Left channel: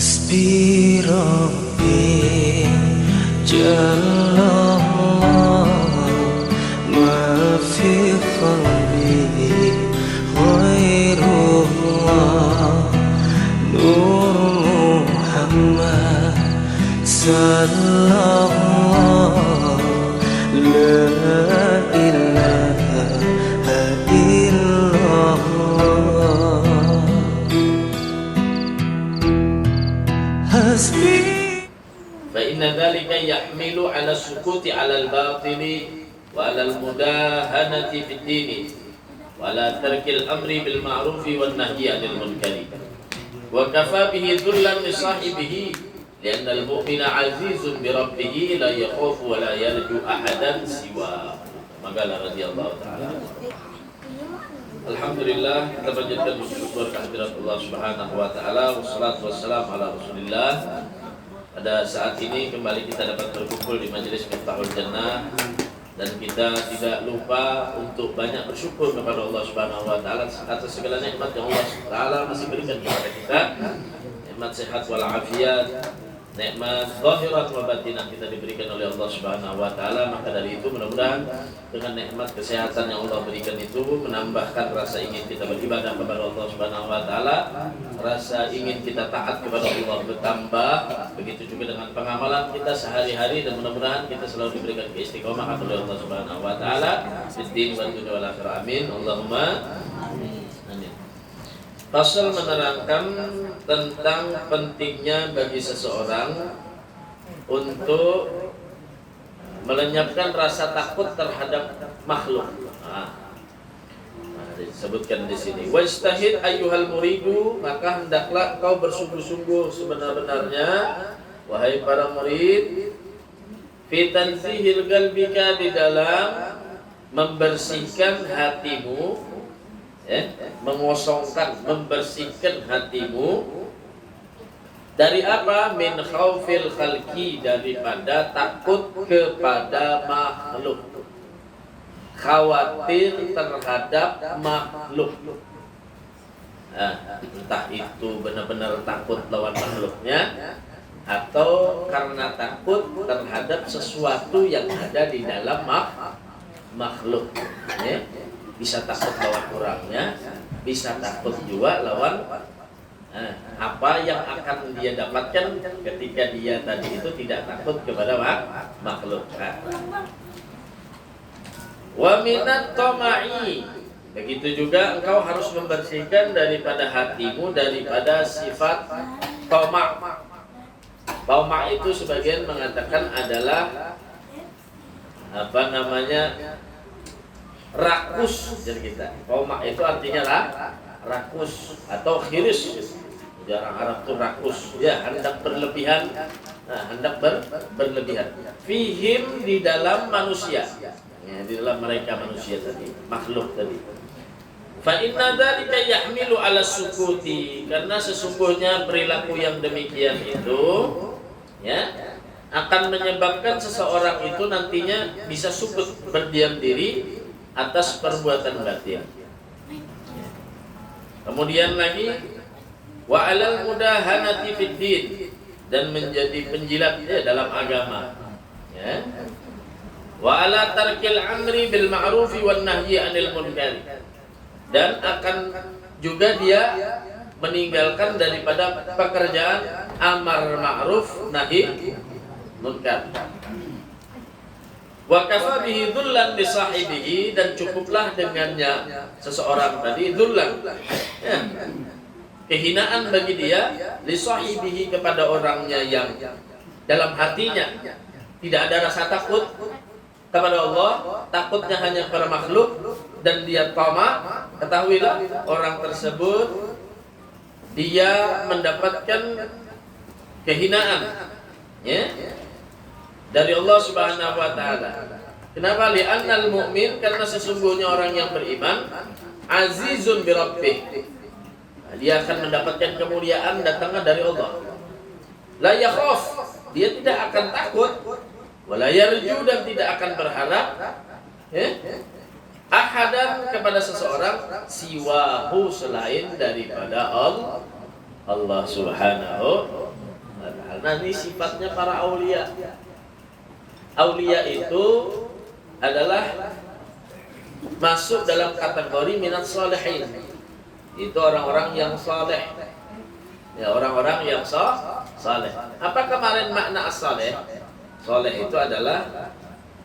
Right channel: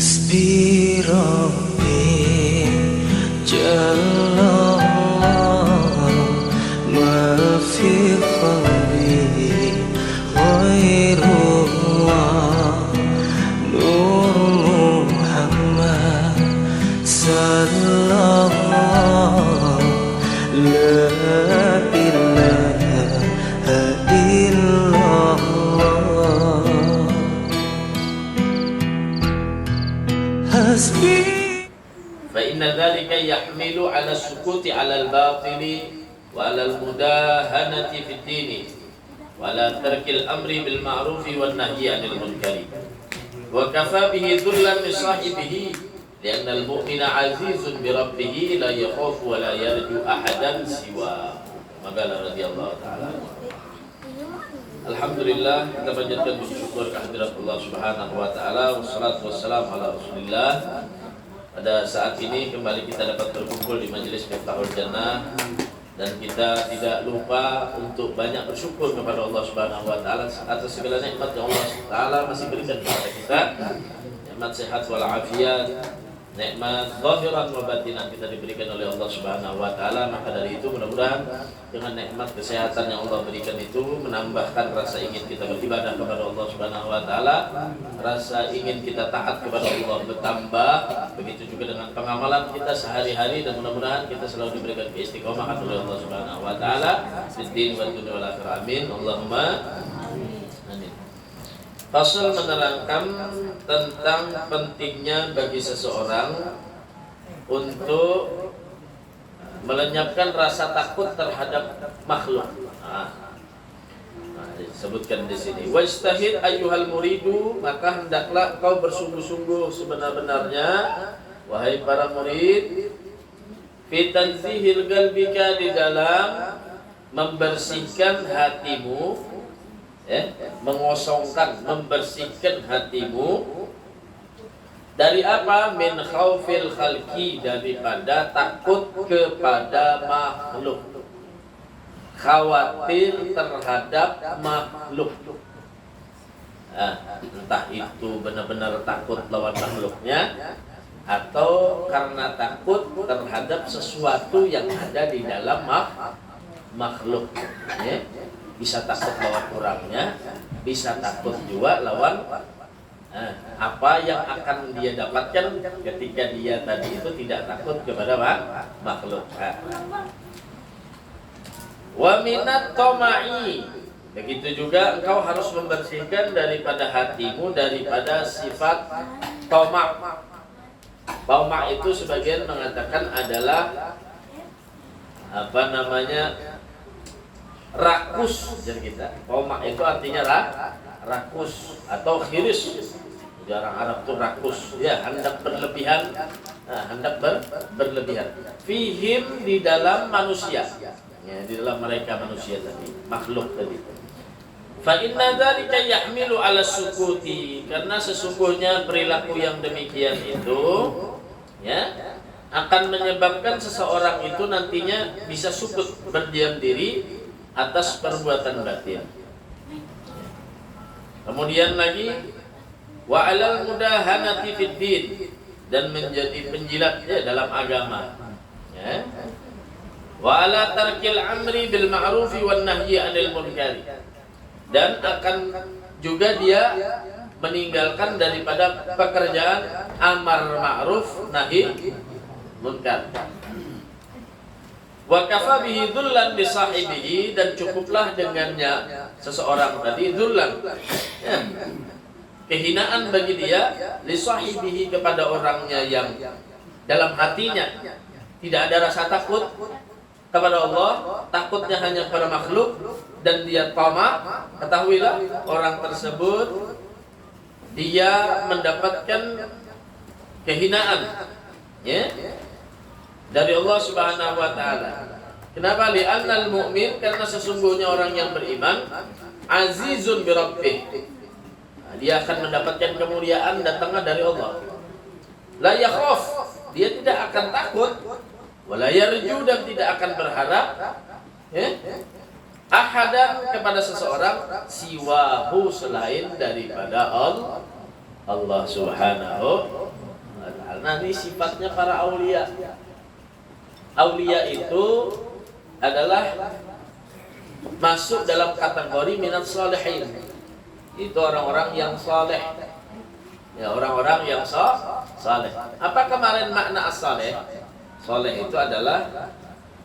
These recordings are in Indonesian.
حسبي ربي جل الله ما في قلبي غير الله نور محمد صلى الله لا إله إلا الله حسبي. فإن ذلك يحمل على السكوت على الباطل وعلى المداهنة في الدين وعلى ترك الأمر بالمعروف والنهي عن المنكر وكفى به ذلا لصاحبه لأن المؤمن عزيز بربه لا يخاف ولا يرجو أحدا سواه. Maka radhiyallahu taala. Alhamdulillah, kita panjatkan bersyukur kehadirat Allah Subhanahu wa taala, wassalatu wassalamu ala Rasulillah. Pada saat ini kembali kita dapat berkumpul di majelis Miftahul Jannah dan kita tidak lupa untuk banyak bersyukur kepada Allah Subhanahu wa taala atas segala nikmat yang Allah taala masih berikan kepada kita. Nikmat sehat wal afiat, nikmat zahiran wa batinan kita diberikan oleh Allah Subhanahu wa taala. Maka dari itu mudah-mudahan dengan nikmat kesehatan yang Allah berikan itu menambahkan rasa ingin kita beribadah kepada Allah Subhanahu wa taala, rasa ingin kita taat kepada Allah bertambah, begitu juga dengan pengamalan kita sehari-hari, dan mudah-mudahan kita selalu diberikan keistiqomahan oleh Allah Subhanahu wa taala fid din wal dunya wal akhirah. Amin. Allahumma amin. Pasal menerangkan tentang pentingnya bagi seseorang untuk melenyapkan rasa takut terhadap makhluk. Disebutkan di sini. Wastahid ayyuhal muridu, maka hendaklah kau bersungguh-sungguh sebenar-benarnya wahai para murid, fi tanzihil qalbika, di dalam membersihkan hatimu, mengosongkan, membersihkan hatimu dari apa? Min khaufil khalqi, daripada takut kepada makhluk, khawatir terhadap makhluk. Entah itu benar-benar takut lawan makhluknya atau karena takut terhadap sesuatu yang ada di dalam makhluk. Bisa takut lawan orangnya, bisa takut juga lawan apa yang akan dia dapatkan ketika dia tadi itu tidak takut kepada makhluk. Wa minat tama'i, begitu juga engkau harus membersihkan daripada hatimu daripada sifat tama'. Tama' itu sebagian mengatakan adalah rakus. Jadi kita tama' itu artinya rakus atau khiris. Orang Arab itu rakus, ya, hendak berlebihan, hendak berlebihan. Fihim, di dalam manusia, ya, di dalam mereka manusia tadi, makhluk tadi. Fa inna dzalika yahmilu 'ala sukuti, karena sesungguhnya perilaku yang demikian itu, ya, akan menyebabkan seseorang itu nantinya bisa sukut, berdiam diri atas perbuatan batin. Kemudian lagi wa 'alal mudahanati fid din, dan menjadi penjilat dalam agama, ya. Wa 'ala tarkil amri bil ma'rufi wan nahyi 'anil munkar, dan akan juga dia meninggalkan daripada pekerjaan amar ma'ruf nahi munkar. Wa kafa bihi dhullan li sahibihi, dan cukuplah dengannya seseorang tadi dhullan, ya, kehinaan bagi dia, li sahibihi, kepada orangnya yang dalam hatinya tidak ada rasa takut kepada Allah, takutnya hanya kepada makhluk, dan dia tama'. Ketahuilah orang tersebut dia mendapatkan kehinaan, ya, dari Allah Subhanahu wa taala. Kenapa? Li'annal mu'min, karena sesungguhnya orang yang beriman azizun bi rabbih, dia akan mendapatkan kemuliaan datangnya dari Allah. La yakhaf, dia tidak akan takut, wala yarju, dan tidak akan berharap, ya, ahadan, kepada seseorang, siwahu, selain daripada Allah Allah Subhanahu wa ta'ala. Nah, ini sifatnya para aulia. Aulia itu adalah masuk dalam kategori minat sholihin. Itu orang-orang yang saleh. Ya, orang-orang yang saleh. Apa kemarin makna as-saleh? Saleh itu adalah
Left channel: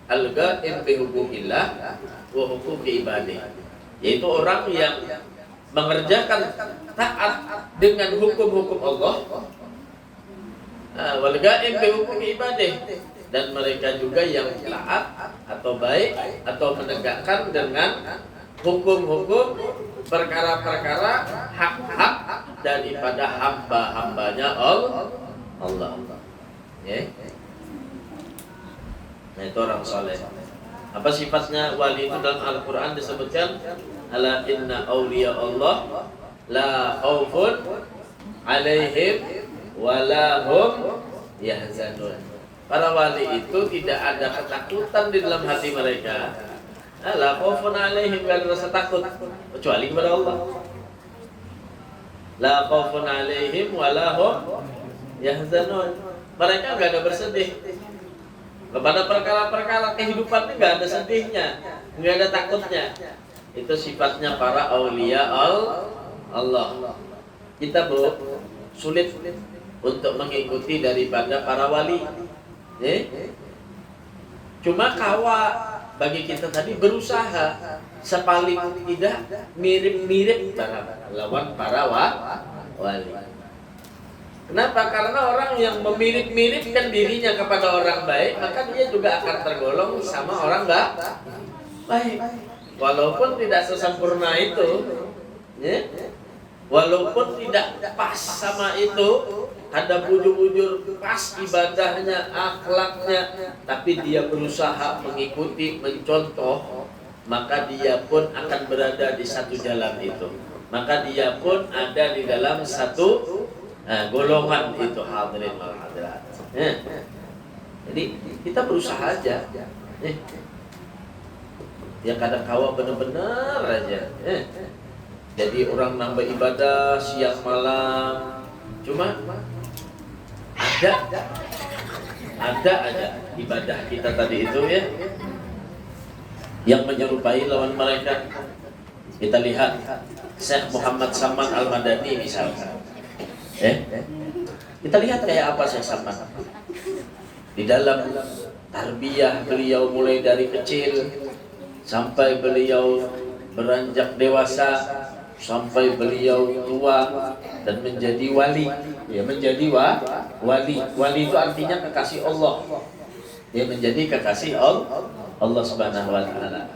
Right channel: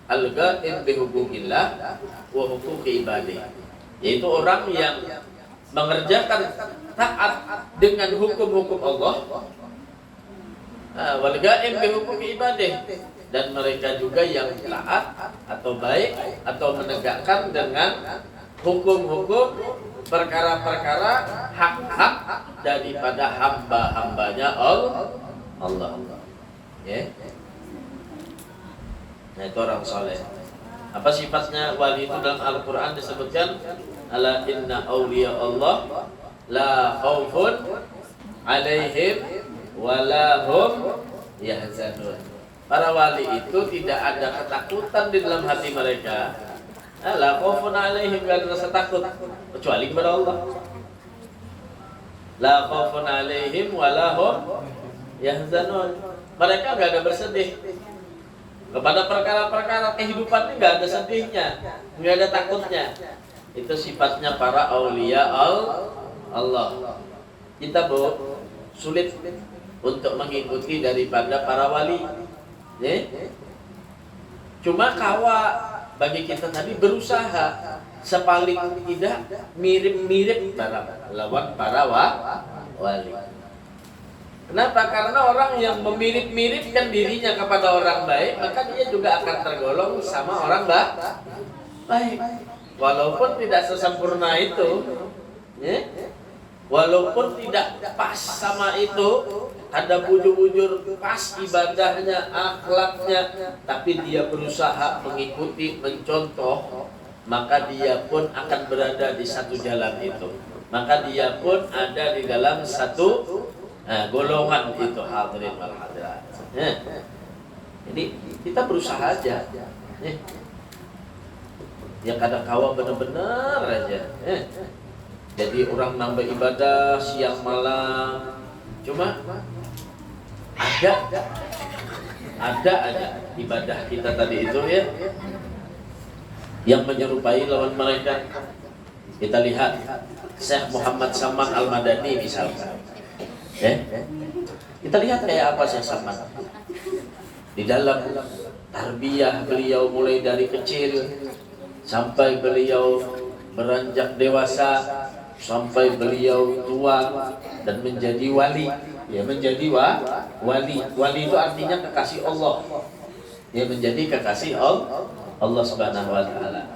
al-ghain bi huquqillah wa huquqi ibadih. Yaitu orang yang mengerjakan taat dengan hukum-hukum Allah, wal ghain bi huquqi ibadih, dan mereka juga yang taat atau baik atau menegakkan dengan hukum-hukum perkara-perkara hak-hak daripada hamba-hambanya Allah. Ya. Nah, itu orang soleh. Apa sifatnya wali itu dalam Al-Quran disebutkan, ala inna awliya Allah la khawfun alaihim wa la hum yahzanun. Para wali itu tidak ada ketakutan di dalam hati mereka. La khawfun alaihim, gak ada rasa takut kecuali kepada Allah. La khawfun alaihim wa la hum yahzanun. Mereka gak ada bersedih kepada perkara-perkara kehidupan, ini gak ada sedihnya, gak ada takutnya. Itu sifatnya para aulia Allah. Kita sulit untuk mengikuti daripada para wali. Cuma bagi kita tadi berusaha sepaling tidak mirip-mirip lawan para wali. Kenapa? Karena orang yang memirip-miripkan dirinya kepada orang baik, maka dia juga akan tergolong sama orang baik. Walaupun tidak sesempurna itu, ya? Walaupun tidak pas sama itu, ada bujur-bujur pas ibadahnya, akhlaknya, tapi dia berusaha mengikuti, mencontoh, maka dia pun akan berada di satu jalan itu. Maka dia pun ada di dalam satu golongan itu, hadirin wal hadirat. Jadi kita berusaha aja. Ya kadang kawa benar-benar aja. Jadi orang nambah ibadah siang malam. Cuma ada aja ibadah kita tadi itu ya yang menyerupai lawan mereka. Kita lihat Syekh Muhammad Saman Al-Madani misalnya. Kita lihat kayak apa Syekh Saman di dalam tarbiyah beliau, mulai dari kecil sampai beliau beranjak dewasa, sampai beliau tua dan menjadi wali. Ya, menjadi wali. Wali itu artinya kekasih Allah. Dia menjadi kekasih Allah Subhanahu wa ta'ala.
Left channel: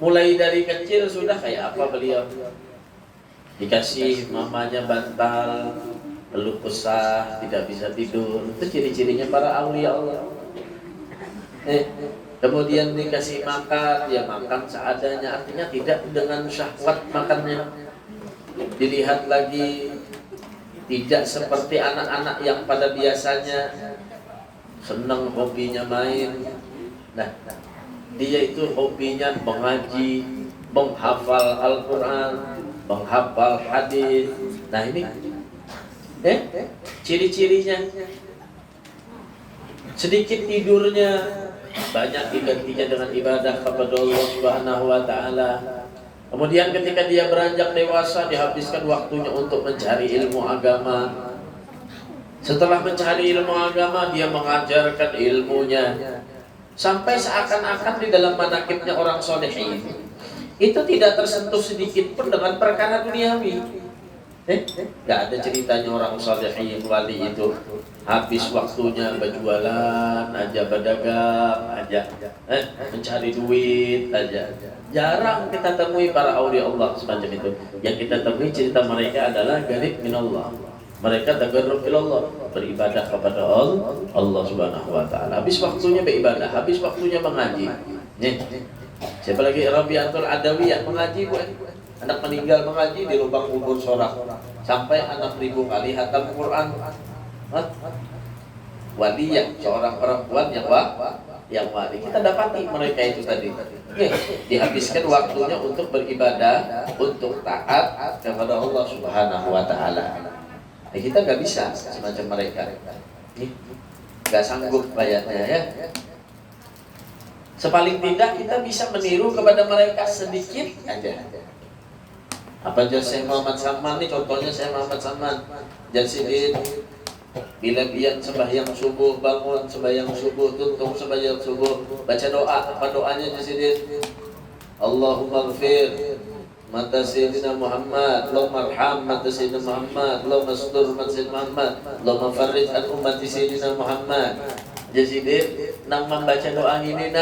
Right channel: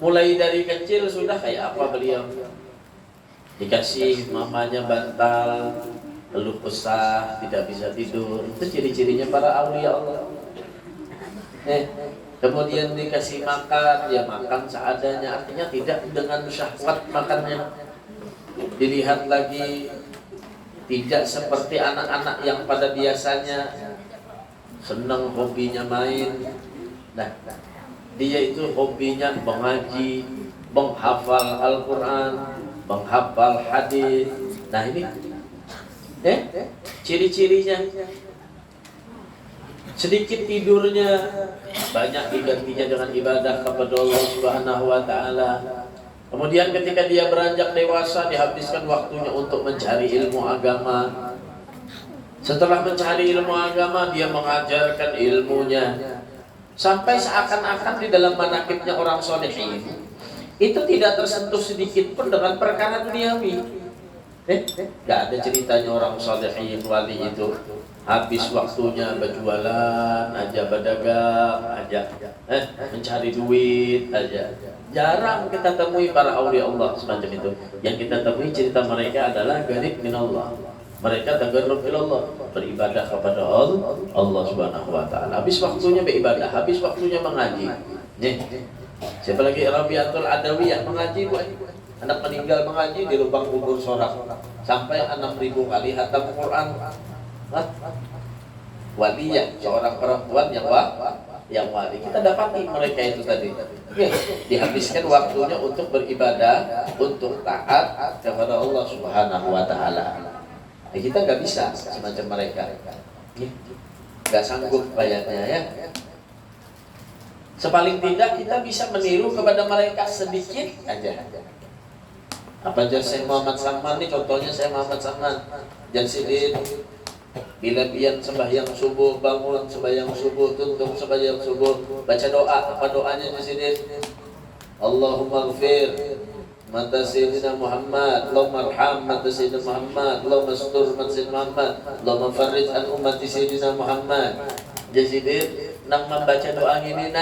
Mulai dari kecil sudah kayak apa beliau? Dikasih mamanya bantal, keluh kesah, tidak bisa tidur. Itu ciri-cirinya para aulia Allah. Kemudian dikasih makan, dia makan seadanya, artinya tidak dengan syahwat makannya. Dilihat lagi tidak seperti anak-anak yang pada biasanya senang hobinya main. Nah, dia itu hobinya mengaji, menghafal Al-Quran, menghafal hadis. Nah ini ciri-cirinya. Sedikit tidurnya, banyak digantinya dengan ibadah kepada Allah Subhanahu wa ta'ala. Kemudian ketika dia beranjak dewasa, dihabiskan waktunya untuk mencari ilmu agama. Setelah mencari ilmu agama, dia mengajarkan ilmunya. Sampai seakan-akan di dalam manakibnya orang solehin itu tidak tersentuh sedikit pun dengan perkara duniawi. Gak ada ceritanya orang solehin wali itu habis waktunya berjualan aja, berdagang aja, mencari duit aja. Jarang kita temui para aulia Allah semacam itu. Yang kita temui cerita mereka adalah garib minallah. Mereka tagarrub ilallah, beribadah kepada Allah Subhanahu wa ta'ala. Habis waktunya beribadah, habis waktunya mengaji. Siapa lagi? Rabi'atul Adawiyah mengaji, anak meninggal mengaji di lubang kubur sorak sampai 6.000 kali hatam Quran. Waliyah, seorang perempuan yang wali. Kita dapati mereka itu tadi. Dihabiskan waktunya untuk beribadah, untuk taat kepada Allah Subhanahu wa ta'ala. kita nggak bisa semacam mereka. Nggak sanggup kayaknya ya. Sepaling tidak kita bisa meniru kepada mereka sedikit aja. Apa aja Syekh Muhammad Salman nih, contohnya Syekh Muhammad Salman Jansidin, bila pian sembahyang subuh, bangun sembahyang subuh, tuntung sembahyang subuh, baca doa. Apa doanya Jansidin? Allahumma ghfir mata Sayyidina Muhammad, Allahumma arham mata Sayyidina Muhammad, Allahumma astur mata Sayyidina Muhammad, Allahumma farrij an ummati Sayyidina Muhammad. Jansidin nang membaca doa ini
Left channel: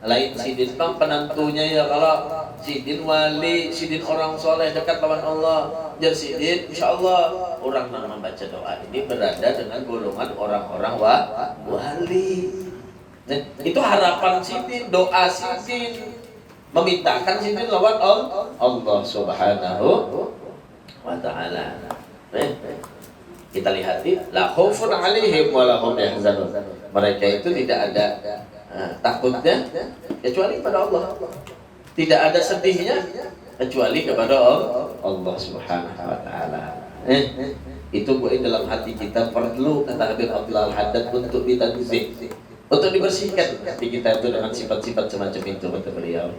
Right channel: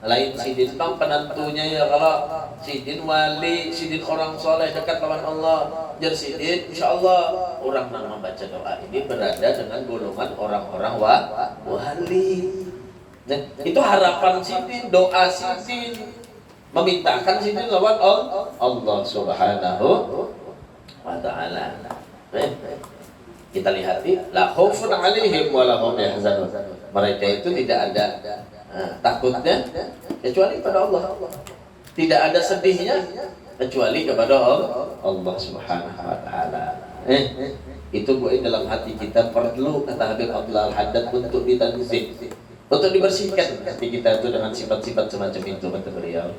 lain sidin bang penentunya ya, kalau sidin wali, sidin orang soleh dekat lawan Allah, jadi sidin insya Allah orang yang membaca doa ini berada dengan golongan orang-orang wali. Nah, itu harapan sidin, doa sidin, memintakan sidin lawan Allah Subhanahu wa Ta'ala. Kita lihat la khaufun 'alaihim wa la hum yahzanun. Mereka itu tidak ada takutnya kecuali kepada Allah. Tidak ada sedihnya kecuali kepada Allah Subhanahu wa Ta'ala. Itu dalam hati kita perlu, kata Habib Abdullah Al-Haddad, untuk ditanzih, untuk dibersihkan hati kita itu dengan sifat-sifat semacam itu, kata beliau.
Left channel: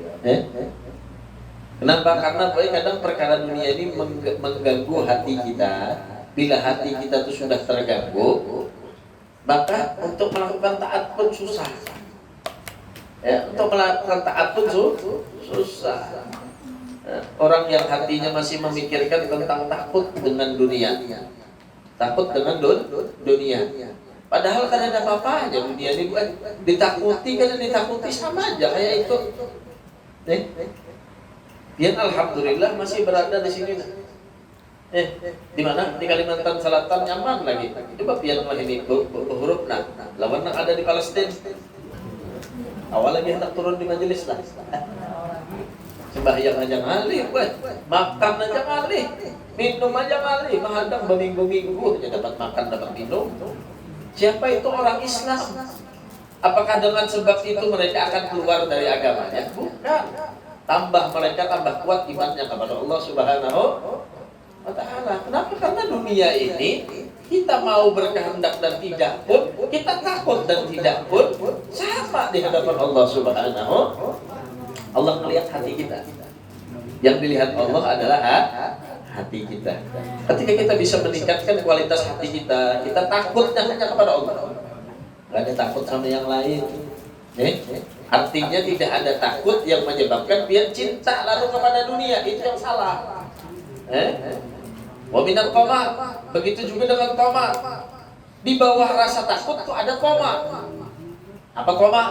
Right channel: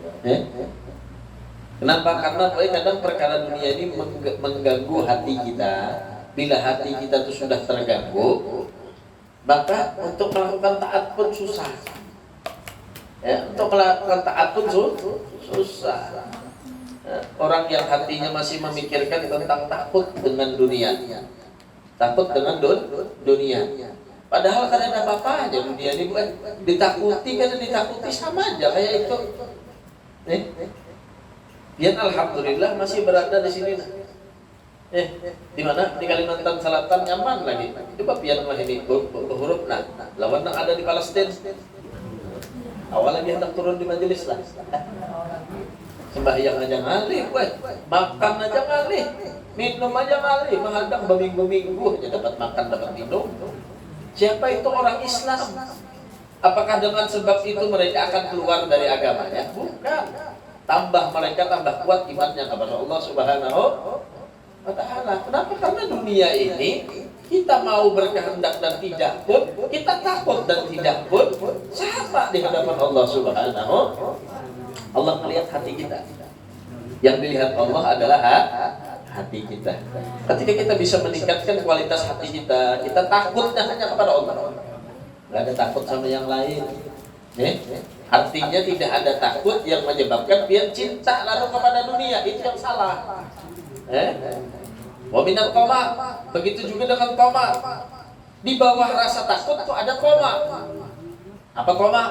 Kenapa? Karena kadang perkara dunia ini mengganggu hati kita. Bila hati kita itu sudah terganggu, maka untuk melakukan taat pun susah. Ya, untuk melakukan taat pun susah. Orang yang hatinya masih memikirkan tentang takut dengan dunia, takut dengan dunia. Padahal kan ada apa aja dunia ini, bukan ditakuti, kan ditakuti sama aja kayak itu. Biar alhamdulillah masih berada di sini. Di mana? Di Kalimantan Selatan nyaman lagi. Coba biarlah ini huruf lawan yang ada di Palestina. Awal lagi hendak turun di majelis lah. Sembahyang aja ngalih, makan aja ngalih, minum aja ngalih, menghadang berminggu-minggu aja dapat makan, dapat minum. Siapa itu orang Islam? Apakah dengan sebab itu mereka akan keluar dari agamanya? Bukan. Tambah mereka tambah kuat imannya kepada Allah Subhanahu wa Ta'ala. Kenapa? Karena dunia ini kita mau berkehendak dan tidak pun, kita takut dan tidak pun, sama di hadapan Allah Subhanahu. Allah melihat hati kita. Yang dilihat Allah adalah hati kita. Ketika kita bisa meningkatkan kualitas hati kita, kita takutnya hanya kepada Allah. Gak ada takut sama yang lain. Artinya tidak ada takut yang menyebabkan dia cinta lalu kepada dunia. Itu yang salah. Wa minal qama, begitu juga dengan qama. Di bawah rasa takut tuh ada qama. Apa qama?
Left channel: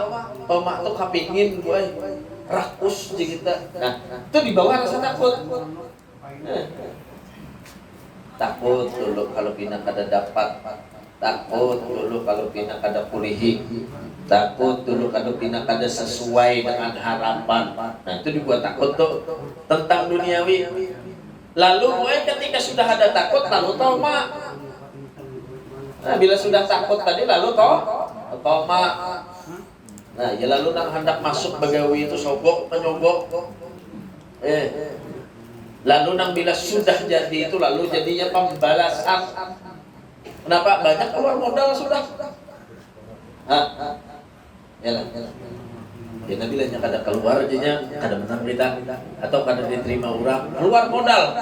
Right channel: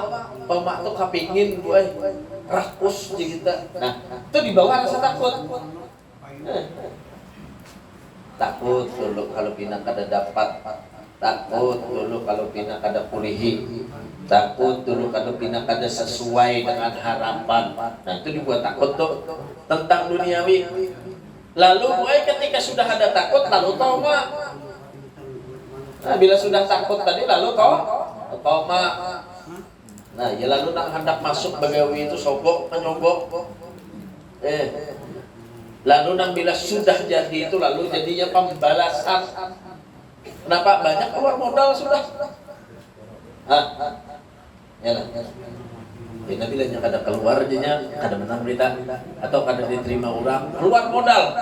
Qama tuh kepingin gue rakus di kita. Nah, itu di bawah rasa takut. Takut dulu kalau pina kada dapat. Takut dulu kalau pina kada purihi. Takut dulu kalau pina kada sesuai dengan harapan. Nah, itu dibuat takut tuh tentang duniawi. Lalu ketika sudah ada takut, lalu toma. Nah, bila sudah takut tadi, lalu toma. Nah, ya lalu nak hendak masuk bagawi itu sogok, penyogok. Lalu nang bila sudah jadi itu, lalu jadinya pembalasan. Kenapa? Banyak keluar modal sudah. Ya lah. Ya Nabi lah kada keluar aja, kada menang berita atau kada diterima orang, keluar modal.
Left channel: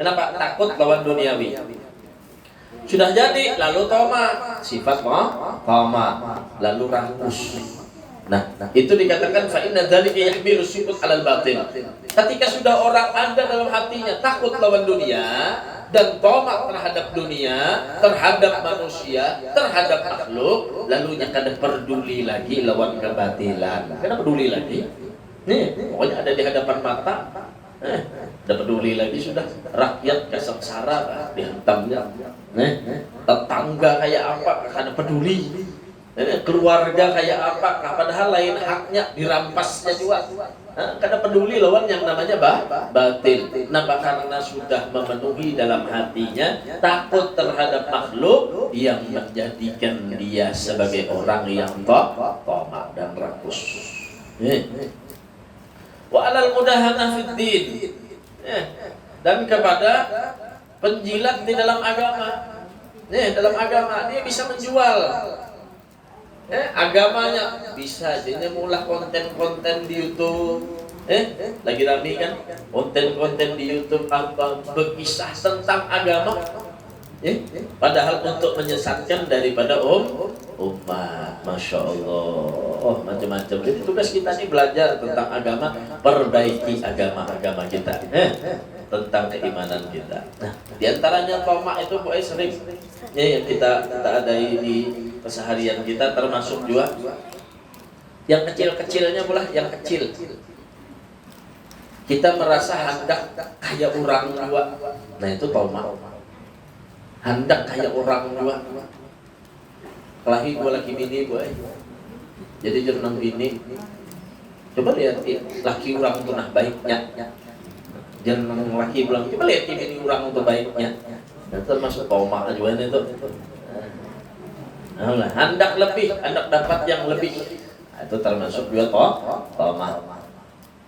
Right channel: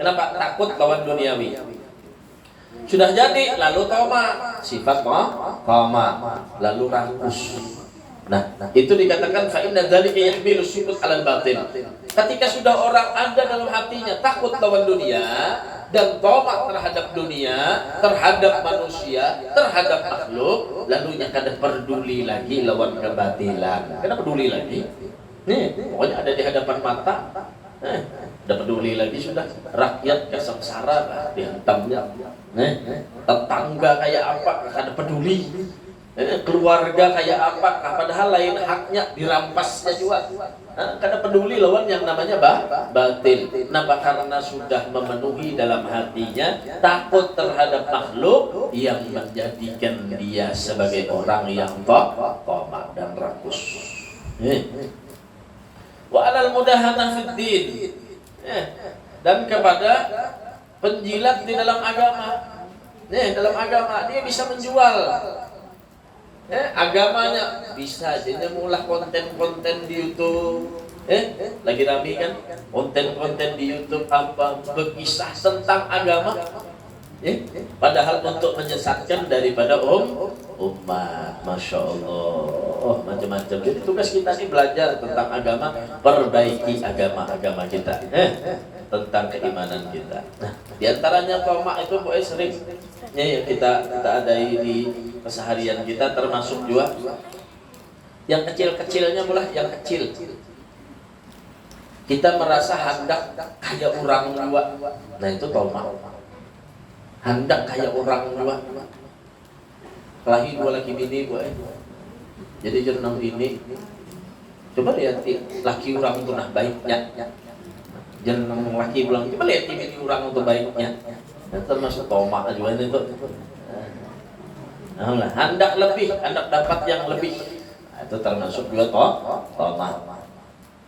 Kenapa? Takut lawan duniawi. Sudah jadi, lalu toma, sifat toma, lalu rakus. Nah, itu dikatakan fa inna dzalika yahmilu sifat alal batin. Ketika sudah orang ada dalam hatinya takut lawan dunia dan tomak terhadap dunia, terhadap manusia, terhadap makhluk, lalu yang kada peduli lagi lawan kebatilan. Kada peduli lagi. Nih, pokoknya ada di hadapan mata. Kada peduli lagi sudah. Rakyat kesengsara dihantamnya. Tetangga kayak apa kada peduli. Keluarga kayak apa, padahal lain haknya dirampasnya juga. Karena peduli lawan yang namanya batil. Kenapa? Karena sudah memenuhi dalam hatinya takut terhadap makhluk yang menjadikan dia sebagai orang yang tamak dan rakus. Wa alal mudahanah fid din. Dan kepada penjilat di dalam agama. Dalam agama dia bisa menjual. Agamanya bisa aja mulah konten-konten di YouTube. Lagi rame kan konten-konten di YouTube apa berkisah tentang agama. Padahal untuk menyesatkan daripada umat. Masya Allah, macam-macam. Jadi tugas kita ini belajar tentang agama, perbaiki agama-agama kita, tentang keimanan kita. Nah, diantaranya tomak itu boleh sering yang kita adai di keseharian kita, termasuk juga yang kecil-kecilnya pula, yang kecil. Kita merasa hendak kayak orang juga. Nah itu tomak. Hendak kayak orang juga. Lagi gua lagi bini boy. Jadi jurnal bini. Coba lihat laki orang itu nah baiknya. Jurnal laki bilang coba lihat bini orang itu baiknya. Dan termasuk tomak juga itu. Nah, hendak lebih, hendak dapat yang lebih. Itu termasuk juga tomak.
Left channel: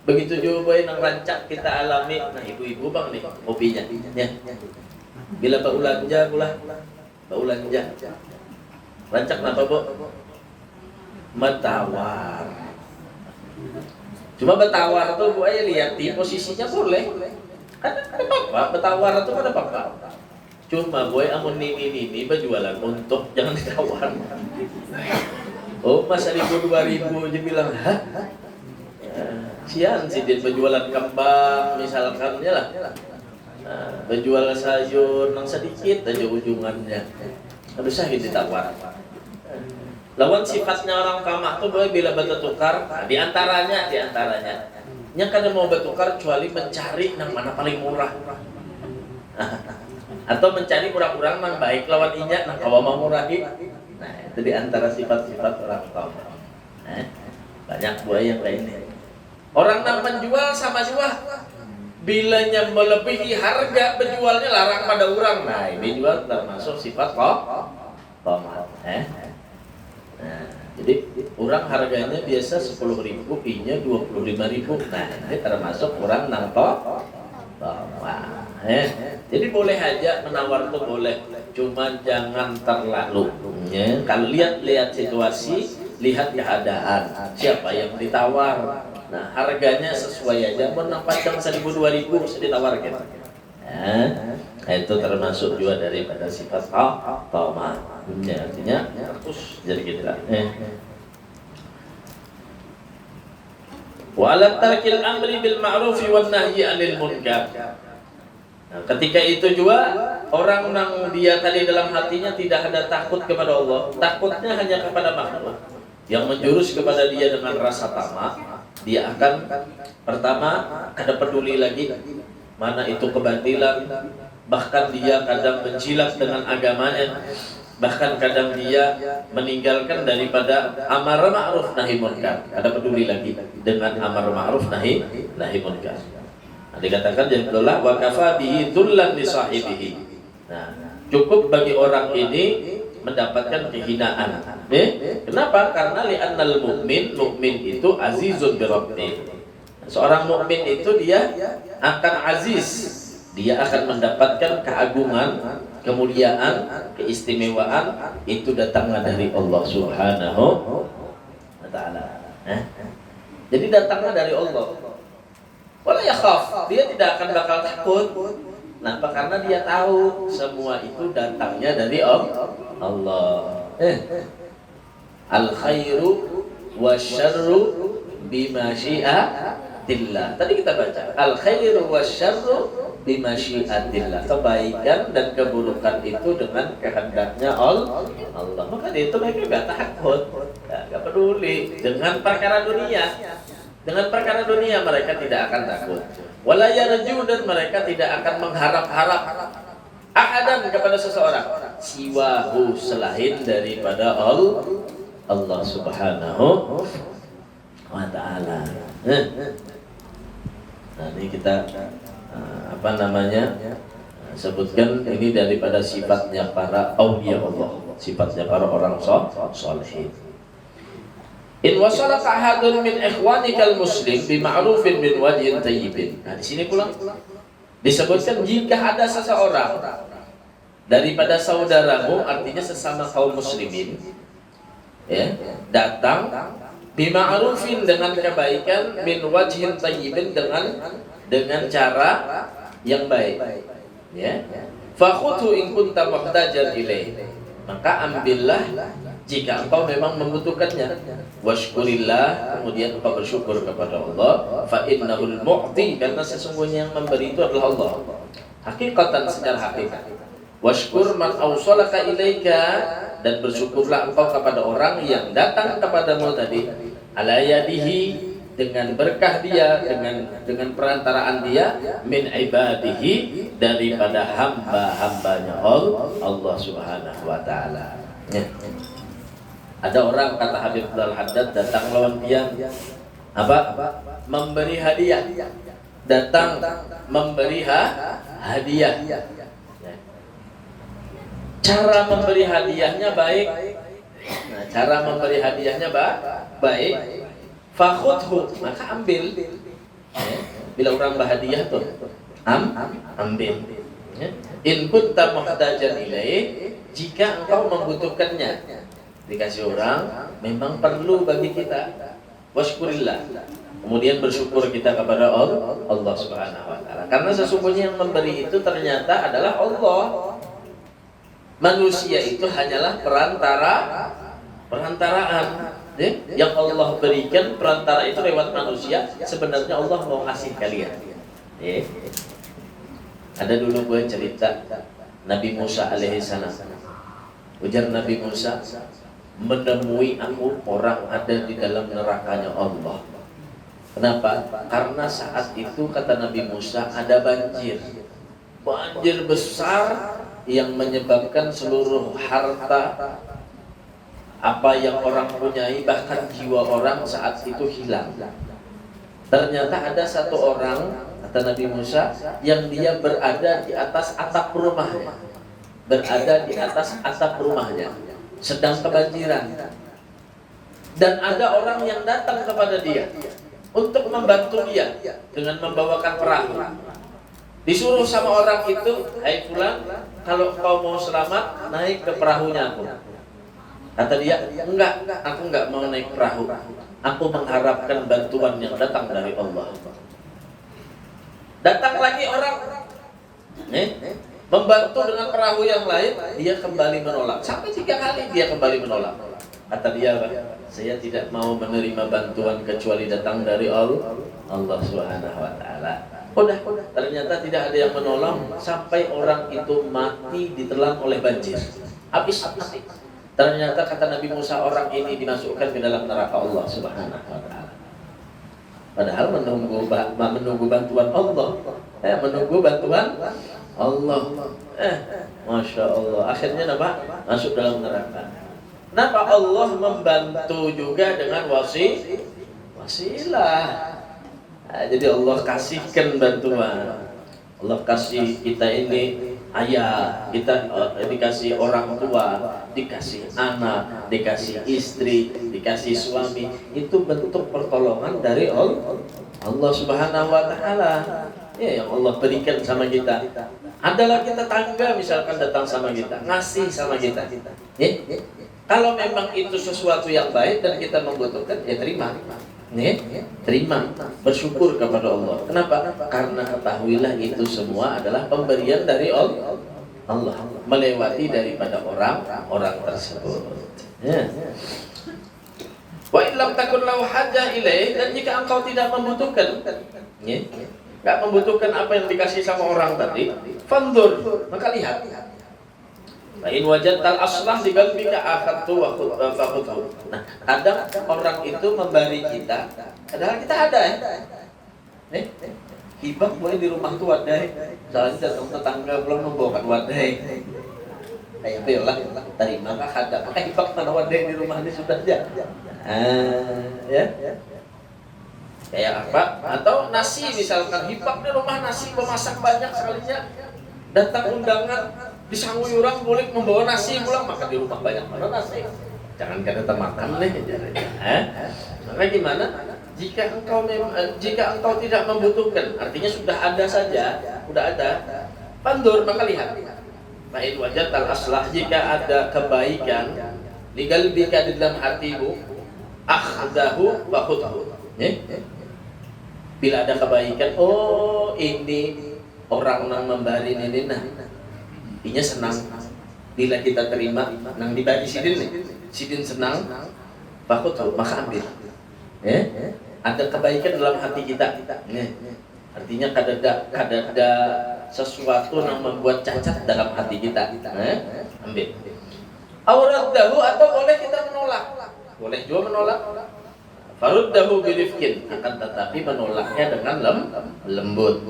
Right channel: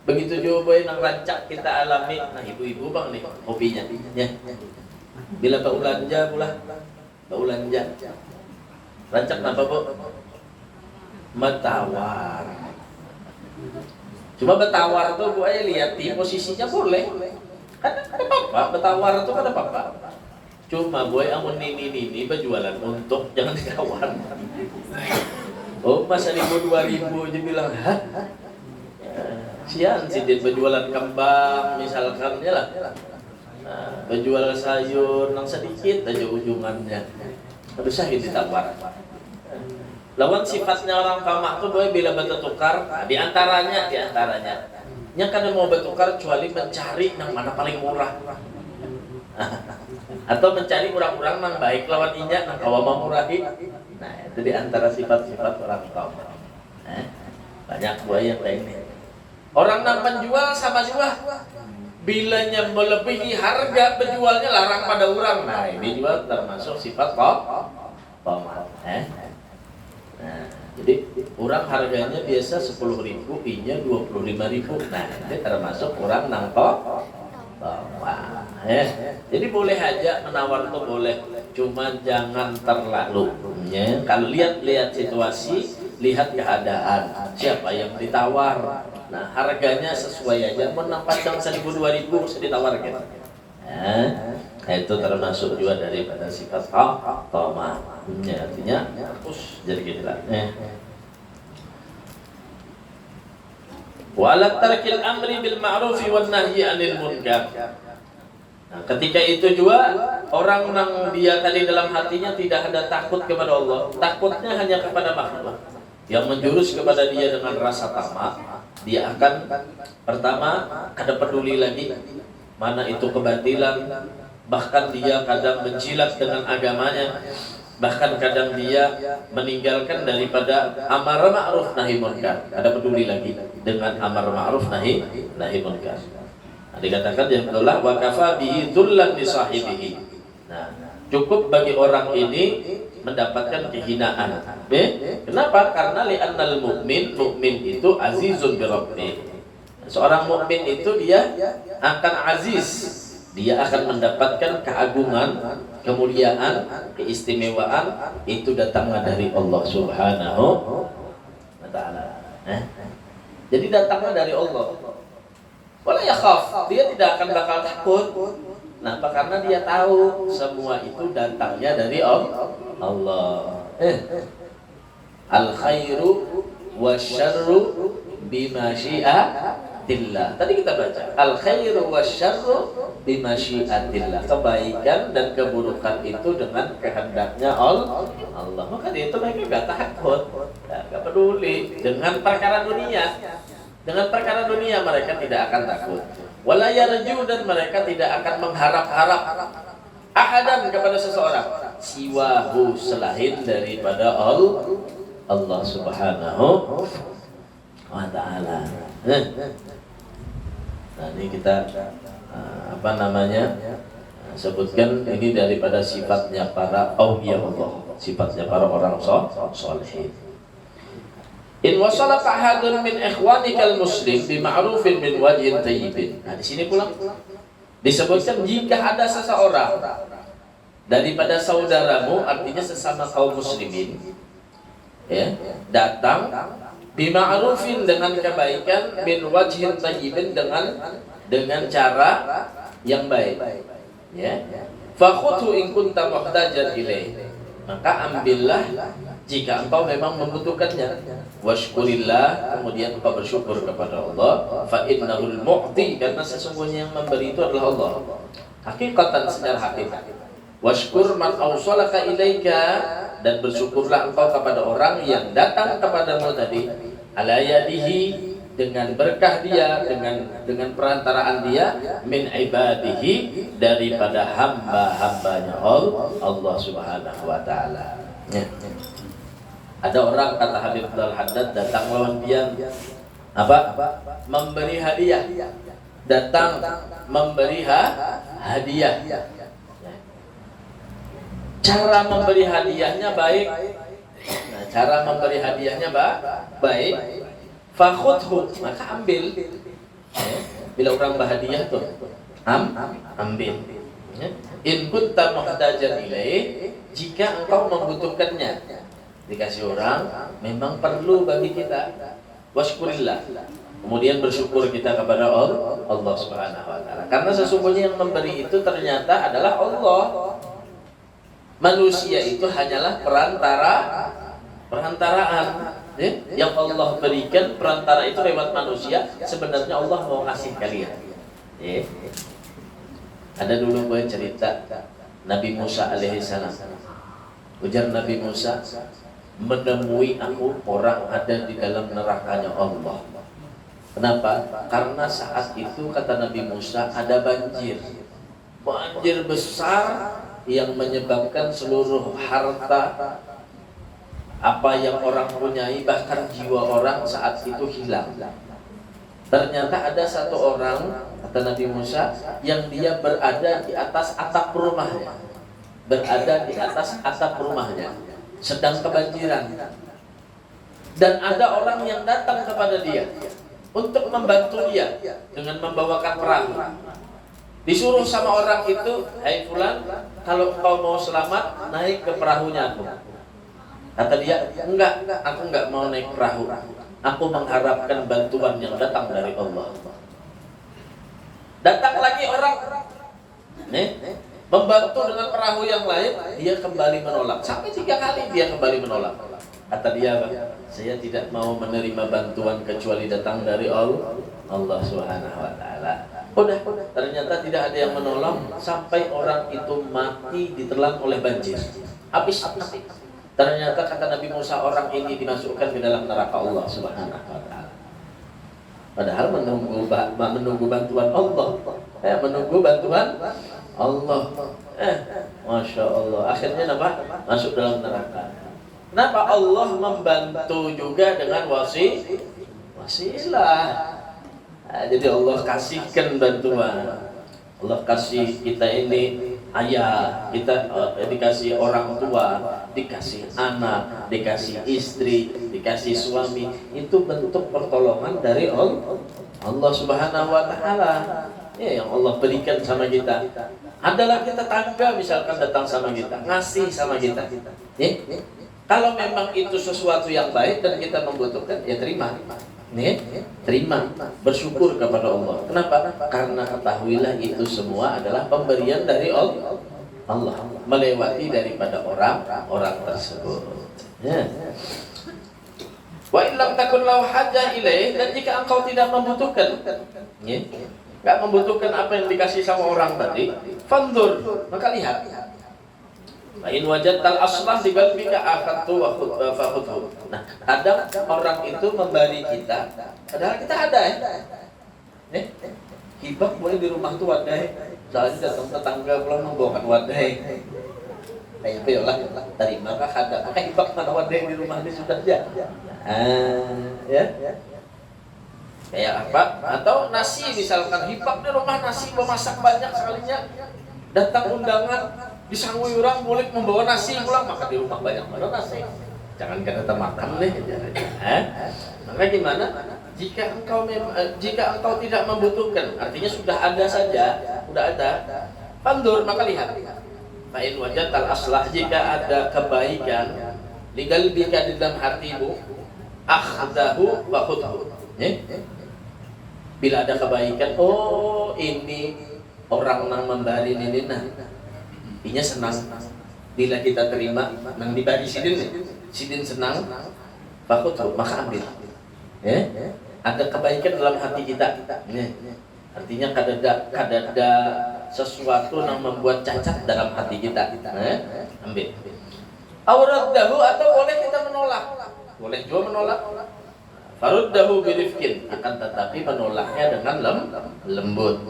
Begitu juga boy nang rancak kita alami. Nah ibu-ibu bang nih kopinya. Ya. Bila baulanja pula, baulanja. Rancak napa bu? Betawar. Cuma betawar tuh bu lihat di posisinya boleh. Kan ada apa? Betawar tuh kan apa? Cuma bu amun ini berjualan untuk jangan ditawar. Oh masa 1.000 2.000 dia bilang hah? Sian sih dia berjualan kembang misalkan ya lah. Berjual sayur nang sedikit aja ujungannya. Aduh sakit ditawar. Lawan sifatnya orang tamak tuh boleh bila bertukar. Nah, diantaranya nya kan mau bertukar kecuali mencari yang mana paling murah. Atau mencari orang-orang yang baik lawan inya nang kawa mau murahi. Nah, itu diantara sifat-sifat orang tamak. Banyak boleh yang lainnya. Orang nang penjual sama juga. Bilanya melebihi harga penjualnya larang pada orang. Nah ini juga termasuk sifat tomat. Nah, jadi orang harganya biasa 10.000, inya 25.000. Nah ini termasuk orang nang tomat. Jadi boleh aja menawar tuh boleh, cuma jangan terlalu. Kalau lihat situasi, lihat keadaan, siapa yang ditawar. Nah harganya sesuai aja, mau nampak yang 1.000 2.000 bisa ditawarkan. Itu termasuk juga daripada sifat tomak. Artinya terus jadi gitu lah. Wa ala tarkil amri bil ma'ruf wan nahyi 'anil munkar. Nah, ketika itu juga orang yang dia tadi dalam hatinya tidak ada takut kepada Allah, takutnya hanya kepada makhluk yang menjurus kepada dia dengan rasa tamak. Dia akan pertama kada peduli lagi mana itu kebatilan, bahkan dia kadang menjilat dengan agamanya, bahkan kadang dia meninggalkan daripada amar ma'ruf nahi munkar, kada peduli lagi dengan amar ma'ruf nahi munkar. Nah, dikatakan jadilah wa kafa bihi dzullan li sahibihi. Nah, cukup bagi orang ini mendapatkan kehinaan. Kenapa? Karena li'annal mukmin itu azizun bi rabbih. Seorang mukmin itu dia akan aziz. Dia akan mendapatkan keagungan, kemuliaan, keistimewaan itu datangnya dari Allah Subhanahu wa taala. Jadi datangnya dari Allah. Wala yakhaf, dia tidak akan bakal takut. Kenapa? Karena dia tahu semua itu datangnya dari Allah. Al khairu wasyarru bimasyiatillah. Tadi kita baca al khairu wasyarru bimasyiatillah. Kebaikan dan keburukan itu dengan kehendaknya Allah. Maka itu mereka enggak takut, enggak peduli dengan perkara dunia. Dengan perkara dunia mereka tidak akan takut. Wala yarju, dan mereka tidak akan mengharap-harap ahadan kepada seseorang siwahu selain daripada Allah Subhanahu wa taala. Nah, ini kita sebutkan ini daripada sifatnya para auliya Allah, sifatnya para orang saleh. In wasalaka ahadun min ikhwanikal muslim bi ma'rufin min wajhin tayyibin. Nah, di sini pula Disebutkan jika ada seseorang daripada saudaramu, artinya sesama kaum muslimin, ya, datang bima'rufin dengan kebaikan, min wajhin tayyibin dengan cara yang baik, ya. Fakhudhu in kunta muhtajan ilaih, maka ambillah jika engkau memang membutuhkannya. Washkurillah, kemudian engkau bersyukur kepada Allah. Fa innahul mu'ti, karena sesungguhnya yang memberi itu adalah Allah. Hakikatan, secara hakikat. Washkur man awsalaka ilaika, dan bersyukurlah engkau kepada orang yang datang kepadamu tadi, ala yadihi, dengan berkah dia, dengan perantaraan dia, min ibadihi, daripada hamba-hambanya Allah Subhanahu wa taala. Ya. Ada orang, kata Habib Al-Haddad, datang lawan dia apa? Memberi hadiah. Datang memberi hadiah. Cara memberi hadiahnya baik. Nah, cara memberi hadiahnya baik. Fakhudhu, maka ambil. Bila orang berhadiah tuh, ambil. In kunta muhtajan ilaih, jika engkau membutuhkannya. Dikasih orang memang perlu bagi kita. Washkurillah, kemudian bersyukur kita kepada Allah Subhanahu wa taala. Karena sesungguhnya yang memberi itu ternyata adalah Allah. Manusia itu hanyalah perantaraan. Yang Allah berikan perantara itu lewat manusia. Sebenarnya Allah mau ngasih kalian. Ada dulu gue cerita Nabi Musa alaihissalam. Ujar Nabi Musa, menemui aku orang ada di dalam nerakanya Allah. Kenapa? Karena saat itu, kata Nabi Musa, ada banjir besar yang menyebabkan seluruh harta apa yang orang punyai, bahkan jiwa orang saat itu hilang. Ternyata ada satu orang, kata Nabi Musa, yang dia berada di atas atap rumahnya. Sedang kebanjiran. Dan ada orang yang datang kepada dia untuk membantu dia dengan membawakan perahu. Disuruh sama orang itu, hai fulan, kalau kau mau selamat, naik ke perahunya aku. Kata dia, enggak, aku enggak mau naik perahu. Aku mengharapkan bantuan yang datang dari Allah. Datang lagi orang, membantu dengan perahu yang lain, dia kembali menolak. Sampai 3 kali dia kembali menolak. Kata dia, saya tidak mau menerima bantuan kecuali datang dari Allah Subhanahu wa taala. Udah, ternyata tidak ada yang menolong sampai orang itu mati ditelan oleh banjir. Habis. Ternyata kata Nabi Musa, orang ini dimasukkan ke dalam neraka Allah Subhanahu wa taala. Padahal menunggu bantuan Allah. Menunggu bantuan Allah. Masya Allah. Akhirnya apa? Masuk dalam neraka. Kenapa? Allah membantu juga dengan wasilah. Jadi Allah kasihkan bantuan. Allah kasih kita ini ayah, kita dikasih orang tua, dikasih anak, dikasih istri, dikasih suami. Itu bentuk pertolongan dari Allah Subhanahu wa taala. Yang Allah berikan sama kita. Adalah kita tetangga misalkan datang sama kita, ngasih sama kita. Kalau memang itu sesuatu yang baik dan kita membutuhkan, ya terima. Terima, bersyukur kepada Allah. Kenapa? Karena ketahuilah itu semua adalah pemberian dari Allah, melewati daripada orang tersebut. Wa illam takun lahu hajah ilaih, dan jika engkau tidak membutuhkan, nggak membutuhkan apa yang dikasih sama orang tadi, fandur, maka lihat. In wajadtal aslah di qalbika akhadtu wa fakhudhu. Nah, kadang orang itu memberi kita, padahal kita ada hibah boleh di rumah tuh wadai. Soalnya datang tetangga belum membawakan wadai. Kayak lah, terima kah ada? Maka hibah mana wadai di rumah ini sudah ya. Kayak apa? Atau nasi misalkan, hibah di rumah nasi gua masak banyak sekalinya. Datang undangan, disangui orang boleh membawa nasi pulang, maka di rumah banyak mana nasi. Jangan kita makan deh. Maka gimana? Jika engkau tidak membutuhkan, artinya sudah ada saja, udah ada. Fandur, maka lihat. Fa'in wajatal aslah, jika ada kebaikan liqalbika di dalam hatimu, akhdahu wa khudhu. Bila ada kebaikan, oh ini orang nang membari ini nah. Inya senang. Bila kita terima nang dibari sidin senang, fakhudhu, maka ambil. Ada kebaikan dalam hati kita. Artinya kadada sesuatu yang membuat cacat dalam hati kita. Ambil. Auraddahu, atau boleh kita menolak. Boleh juga menolak. Faruddahu birifkin, akan tetapi menolaknya dengan lembut.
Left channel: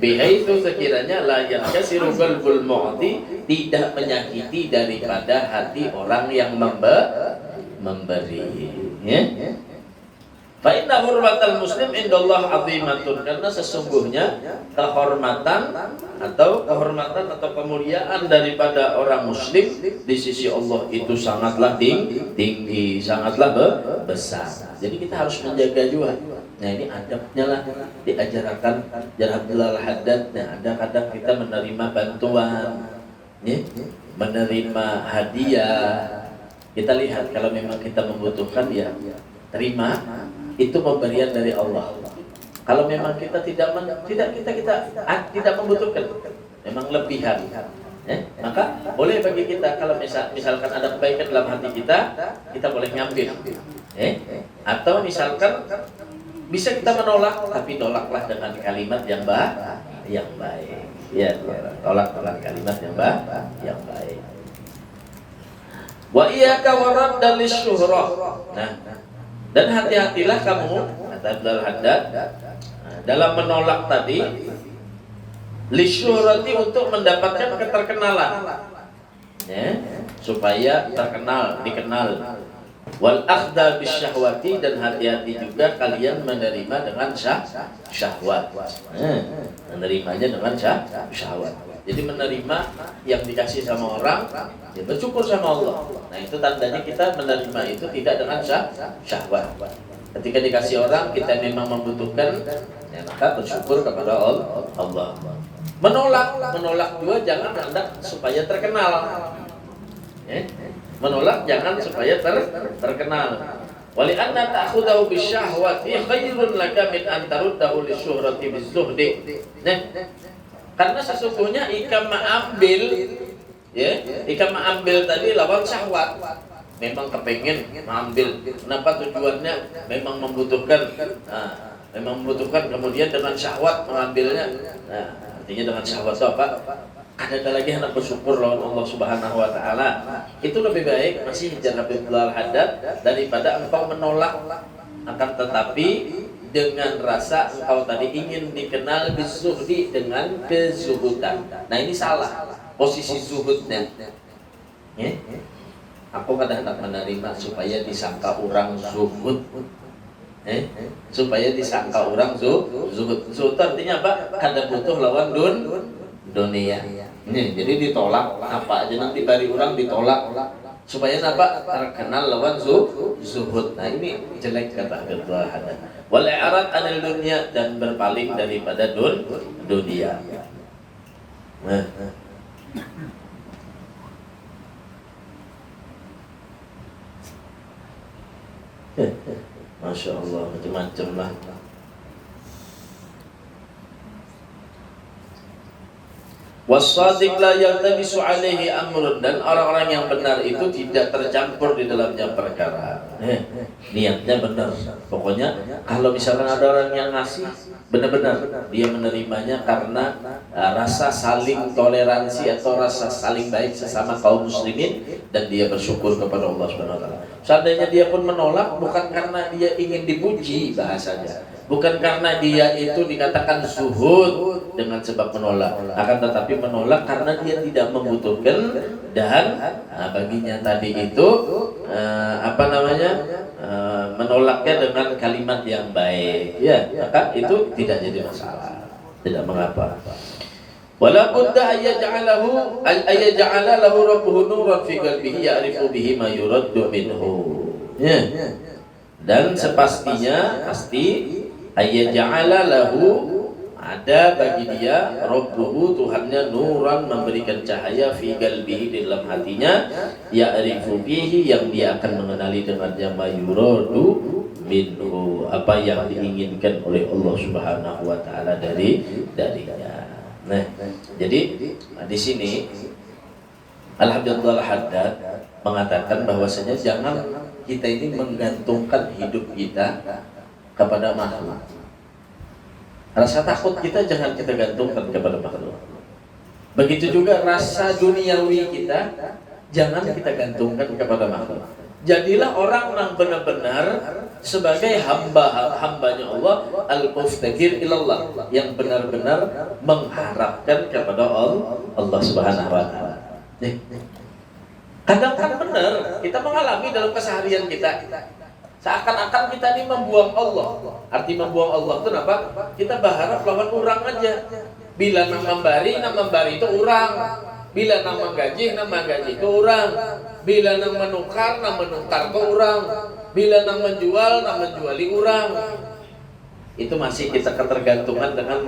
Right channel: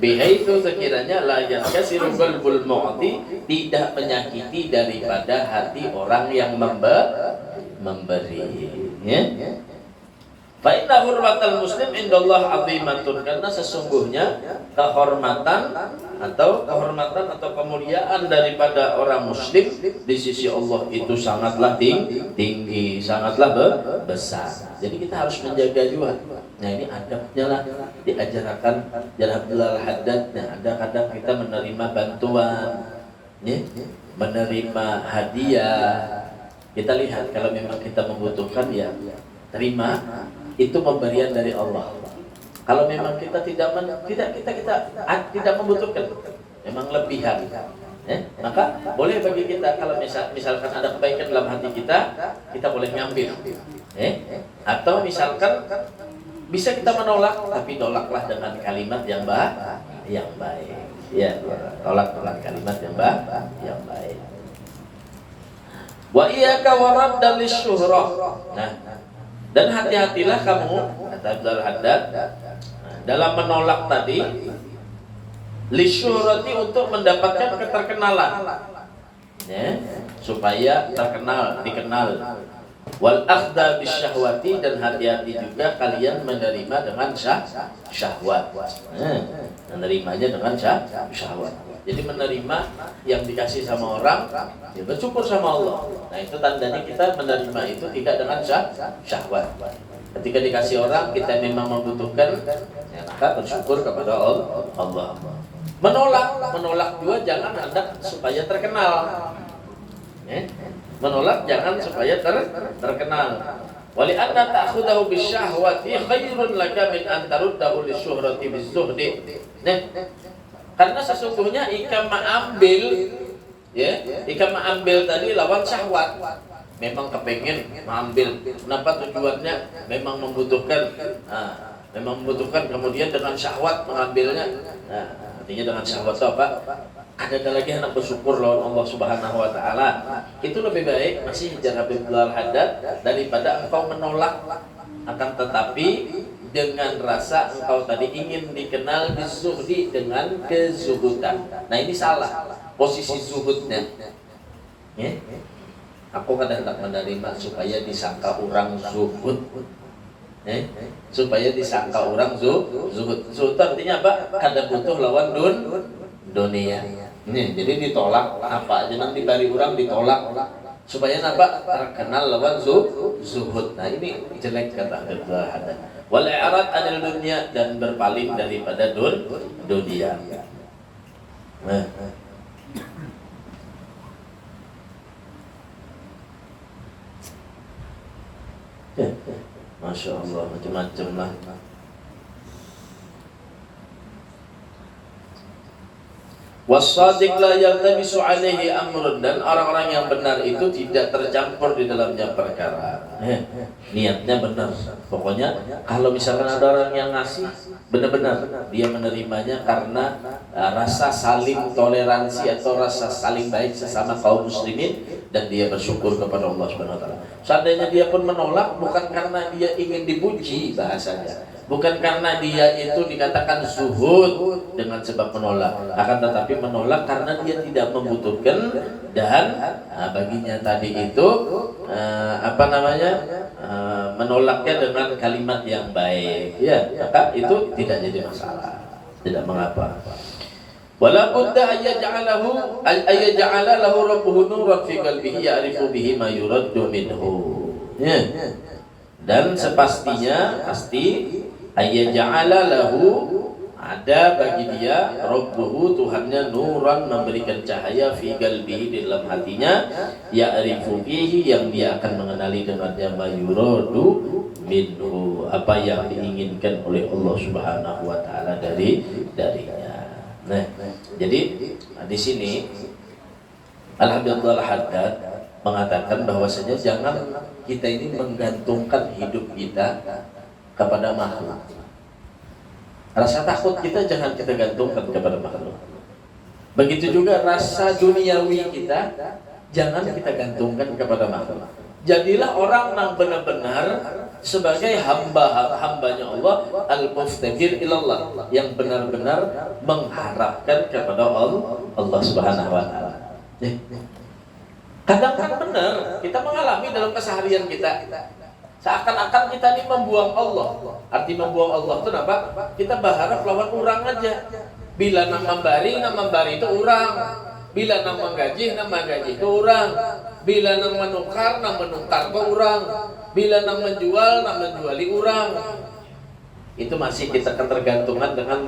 Bihaitsu, sekiranya la yakasiru qalbul mu'ti, tidak menyakiti daripada hati orang yang memberi. Fa inna hurmatal muslim indallah azimatun, karena sesungguhnya kehormatan atau kemuliaan daripada orang muslim di sisi Allah itu sangatlah tinggi, sangatlah besar. Jadi kita harus menjaga juga. Nah, ini adabnya lah diajarkan Jar Abdullah Al-Haddad. Nah, ada kadang kita menerima bantuan, menerima hadiah. Kita lihat kalau memang kita membutuhkan, ya terima. Itu pemberian dari Allah. Kalau memang kita tidak membutuhkan, memang lebihan, maka boleh bagi kita, kalau misalkan ada kebaikan dalam hati kita boleh ngambil, atau misalkan bisa kita menolak, tapi tolaklah dengan kalimat yang baik, ya, tolak dengan kalimat yang baik. Wa iyyaka waradda lisyuhrah. Nah, dan hati-hatilah kamu, kata Abdul Haddad, dalam menolak tadi, lisyurati, untuk mendapatkan keterkenalan, supaya dikenal. Wal akhda bisyahwati, dan hati-hati juga kalian menerima dengan syahwat. Menerimanya dengan syahwat. Jadi menerima yang dikasih sama orang, ya bersyukur sama Allah. Nah, itu tandanya kita menerima itu tidak dengan syahwat. Ketika dikasih orang, kita memang membutuhkan, ya maka bersyukur kepada Allah. Menolak juga jangan hendak supaya terkenal. Menolak jangan supaya terkenal. Wali anna ta'khudahu bisyahwati khairun laka min an taruddahu lisyuhrati bizuhdi. Karena sesungguhnya jika mengambil tadi lawan syahwat, memang kepengen mengambil. Kenapa? Tujuannya memang membutuhkan, kemudian dengan syahwat mengambilnya. Nah, artinya dengan syahwat itu apa? Ada lagi hendak bersyukur lawan Allah Subhanahu wa taala. Itu lebih baik, masih Jar Abdullah Al-Haddad, daripada engkau menolak, akan tetapi dengan rasa engkau tadi ingin dikenal bizuhdi, dengan kezuhudan. Nah, ini salah posisi zuhudnya. Aku kadang-kadang menerima supaya disangka orang zuhud, supaya disangka orang zuhud. Zuhud artinya apa? Kada butuh lawan dunia. Jadi ditolak apa aja nang dibari orang ditolak, supaya apa? Terkenal lawan zuhud. Nah, ini jelek, kata Abdullah Haddad. Wal i'rad 'anil dunya, dan berpaling daripada dunia. Nah, Masya Allah, macam-macam lah. Wassadiq la yaltabisu alaihi amrun, dan orang-orang yang benar itu tidak tercampur di dalamnya perkara. Niatnya benar. Pokoknya kalau misalkan ada orang yang ngasih, benar-benar dia menerimanya karena rasa saling toleransi atau rasa saling baik sesama kaum muslimin, dan dia bersyukur kepada Allah Subhanahu wa taala. Seandainya dia pun menolak, bukan karena dia ingin dipuji bahasanya, bukan karena dia itu dikatakan zuhud dengan sebab menolak, akan tetapi menolak karena dia tidak membutuhkan, dan baginya tadi itu menolaknya dengan kalimat yang baik, ya, maka itu tidak jadi masalah, tidak mengapa. Wala budda ayyaj'ala lahu rabbuhu nuran fi qalbihi ya'rifu bihi ma yuraddu minhu. Ya. Dan pasti ayyaj'ala lahu, ada bagi dia Rabbuhu, Tuhannya, nuran, memberikan cahaya fi qalbihi, di dalam hatinya, ya'rifu bihi, yang dia akan mengenali dengannya, mayuradu minhu, apa yang diinginkan oleh Allah Subhanahu wa taala darinya. Nah, jadi di sini Alhamdulillah Haddad mengatakan bahwasanya jangan kita ini menggantungkan hidup kita kepada makhluk. Rasa takut kita jangan kita gantungkan kepada makhluk. Begitu juga rasa duniawi kita jangan kita gantungkan kepada makhluk. Jadilah orang yang benar-benar sebagai hambanya Allah, al-muftakir ilallah, yang benar-benar mengharapkan kepada Allah Subhanahu wa taala. Kadang kan benar kita mengalami dalam keseharian kita seakan-akan kita ini membuang Allah. Arti membuang Allah itu apa? Kita berharap lawan orang aja. Bila nang membari itu orang. Bila nang menggaji itu orang. Bila nang menukar itu orang. Bila nang menjuali orang. Itu masih kita ketergantungan dengan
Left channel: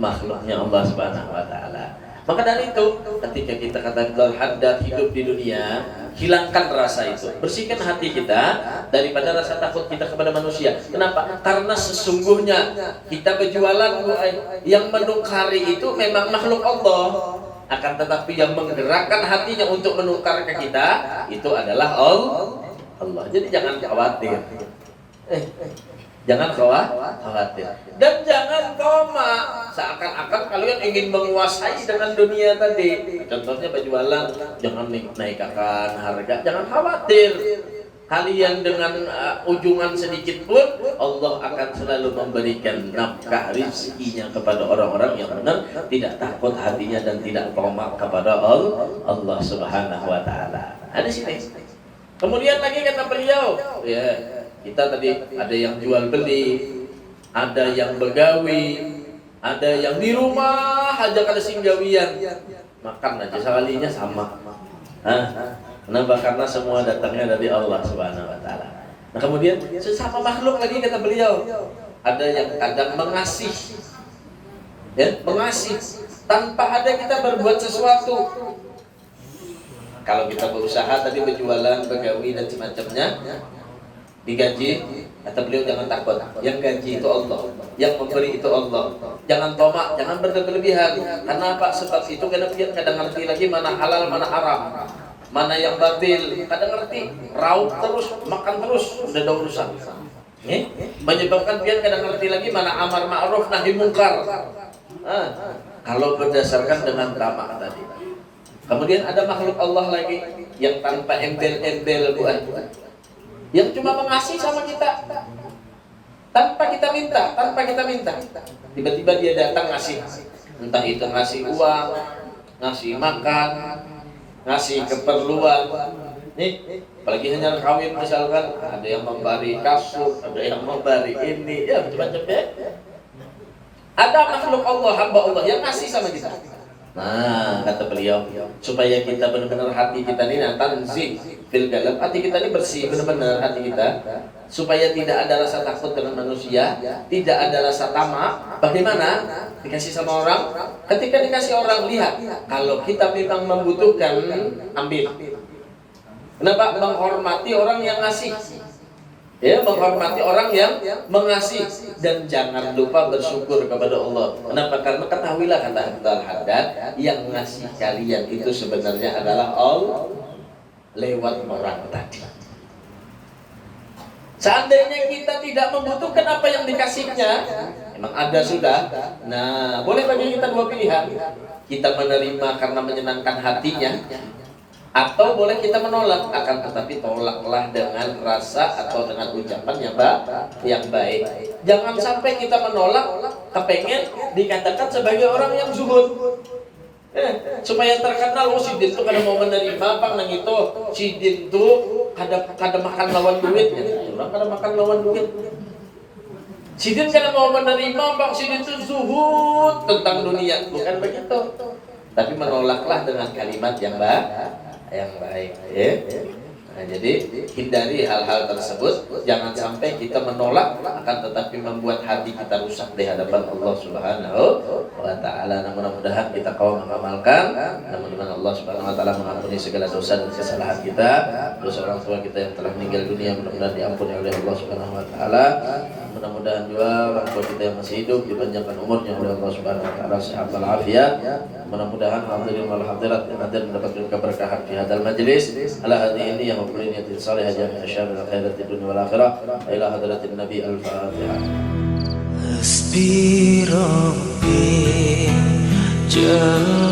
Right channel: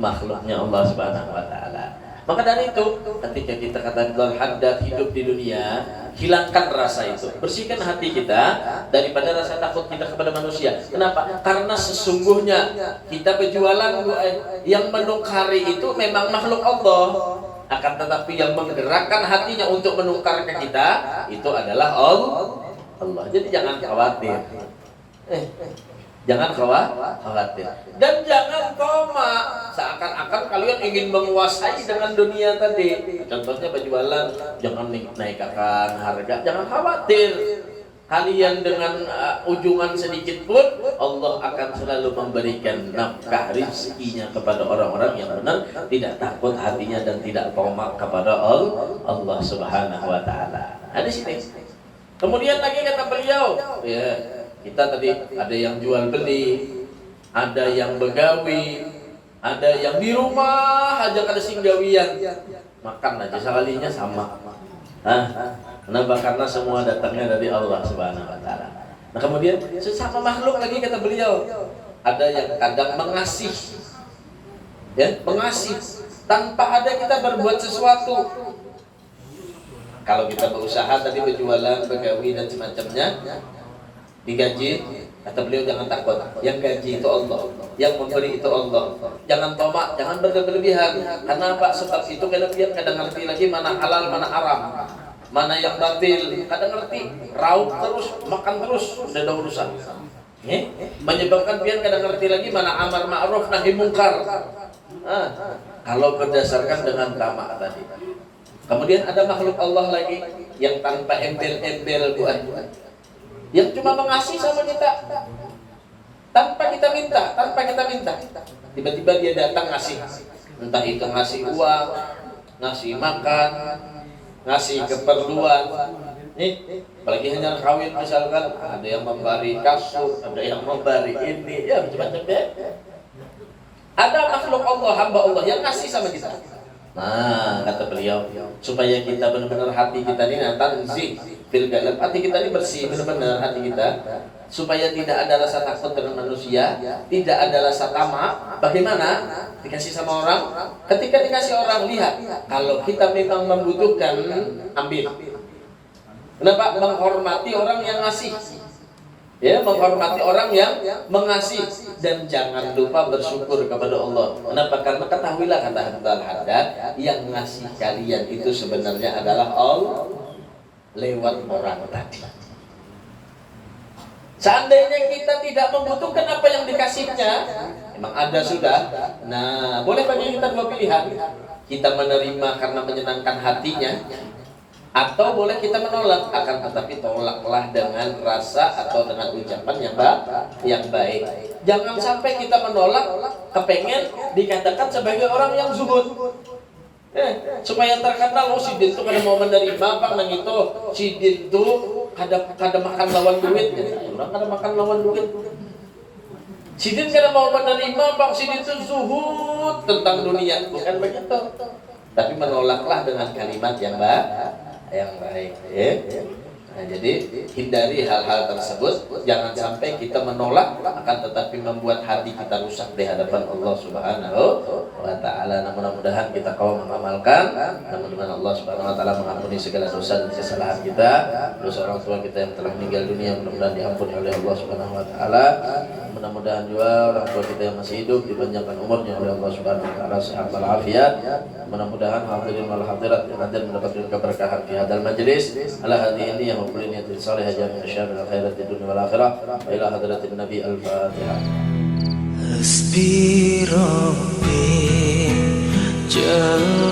makhluknya Allah Subhanahu wa taala. Maka dari itu, ketika kita kata Haddad hidup di dunia, hilangkan rasa itu, bersihkan hati kita daripada rasa takut kita kepada manusia. Kenapa? Karena sesungguhnya kita berjualan, yang menukari itu memang makhluk Allah. Akan tetapi yang menggerakkan hatinya untuk menukar ke kita itu adalah Allah. Jadi jangan khawatir. Jangan khawatir. Dan jangan koma seakan-akan kalian ingin menguasai dengan dunia tadi. Contohnya berjualan, jangan naikkan harga, jangan khawatir. Kalian dengan ujungan sedikit pun Allah akan selalu memberikan nafkah rezekinya kepada orang-orang yang benar, tidak takut hatinya dan tidak tamak kepada Allah Subhanahu wa taala. Ada sini. Kemudian lagi kata beliau, ya, kita tadi ada yang jual beli, ada yang begawi, ada yang di rumah aja kada singgawian, makan aja sekalinya sama. Kenapa? Karena semua datangnya dari Allah Subhanahu wa taala. Nah, kemudian sesama makhluk lagi kata beliau, ada yang kadang mengasih. Ya, mengasih tanpa ada kita berbuat sesuatu. Kalau kita berusaha tadi berjualan, begawi dan semacamnya, digaji, kata beliau jangan takut. Yang gaji itu Allah, yang memberi itu Allah. Jangan tomak, jangan berlebihan. Karena apa? Sebab itu kalian kadang ngerti lagi mana halal, mana haram, mana yang batil. Kadang ngerti, raup terus, makan terus, udah ada urusan. Menyebabkan pian kadang ngerti lagi mana amar ma'ruf nahi mungkar. Kalau berdasarkan dengan tamak tadi. Kemudian ada makhluk Allah lagi yang tanpa embel-embel buah, yang cuma mengasihi sama kita tanpa kita minta. Tiba-tiba dia datang ngasih, entah itu ngasih uang, ngasih makan, ngasih keperluan. Nih, apalagi hanya kawin misalkan, ada yang memberi kasut, ada yang memberi ini, ya macam-macam ya. Ada makhluk Allah, hamba Allah yang ngasih sama kita. Nah, kata beliau, supaya kita benar-benar hati kita ini tanzih bil qalb, hati kita ini bersih benar-benar hati kita, supaya tidak ada rasa takut dengan manusia, tidak ada rasa tamak. Bagaimana? Dikasih sama orang, ketika dikasih orang, lihat kalau kita memang membutuhkan, ambil. Kenapa? Menghormati orang yang ngasih. Ya, menghormati orang yang mengasihi, dan jangan lupa bersyukur kepada Allah. Kenapa? Karena ketahuilah kata Al-Haddad, yang ngasih kalian itu sebenarnya adalah Allah lewat orang tadi. Seandainya kita tidak membutuhkan apa yang dikasihnya, memang ada sudah. Nah, boleh bagi kita dua pilihan. Kita menerima karena menyenangkan hatinya, atau boleh kita menolak, akan tetapi tolaklah dengan rasa atau dengan ucapan yang baik. Jangan sampai kita menolak, kepengen dikatakan sebagai orang yang zuhud. Supaya terkenal, sidin itu kada mau menerima, pak nang itu sidin itu kada makan lawan duit, orang kada makan lawan duit. Sidin kada mau menerima, pak sidin itu zuhud tentang dunia, bukan begitu. Tapi menolaklah dengan kalimat yang baik, ya. Nah, jadi hindari hal-hal tersebut, jangan sampai kita menolak akan tetapi membuat hati kita rusak di hadapan Allah Subhanahu wa taala. Mudah-mudahan kita kaum mengamalkan, mudah-mudahan Allah Subhanahu wa taala mengampuni segala dosa dan kesalahan kita, dosa orang tua kita yang telah meninggal dunia mudah-mudahan diampuni oleh Allah Subhanahu wa taala. Mudah-mudahan juga orang tua kita yang masih hidup dipanjangkan umurnya oleh Allah Subhanahu wa taala, sehat walafiat. Mudah-mudahan hadirin wal hadirat yang hadir mendapatkan keberkahan di hadal majlis. Ala hadhihi ini yang mempunyai niat saleh jami'a syarril khairat di dunia wal akhirah. Ila hadratin Nabi al-Fatihah. Hasbi Rabbi Jalla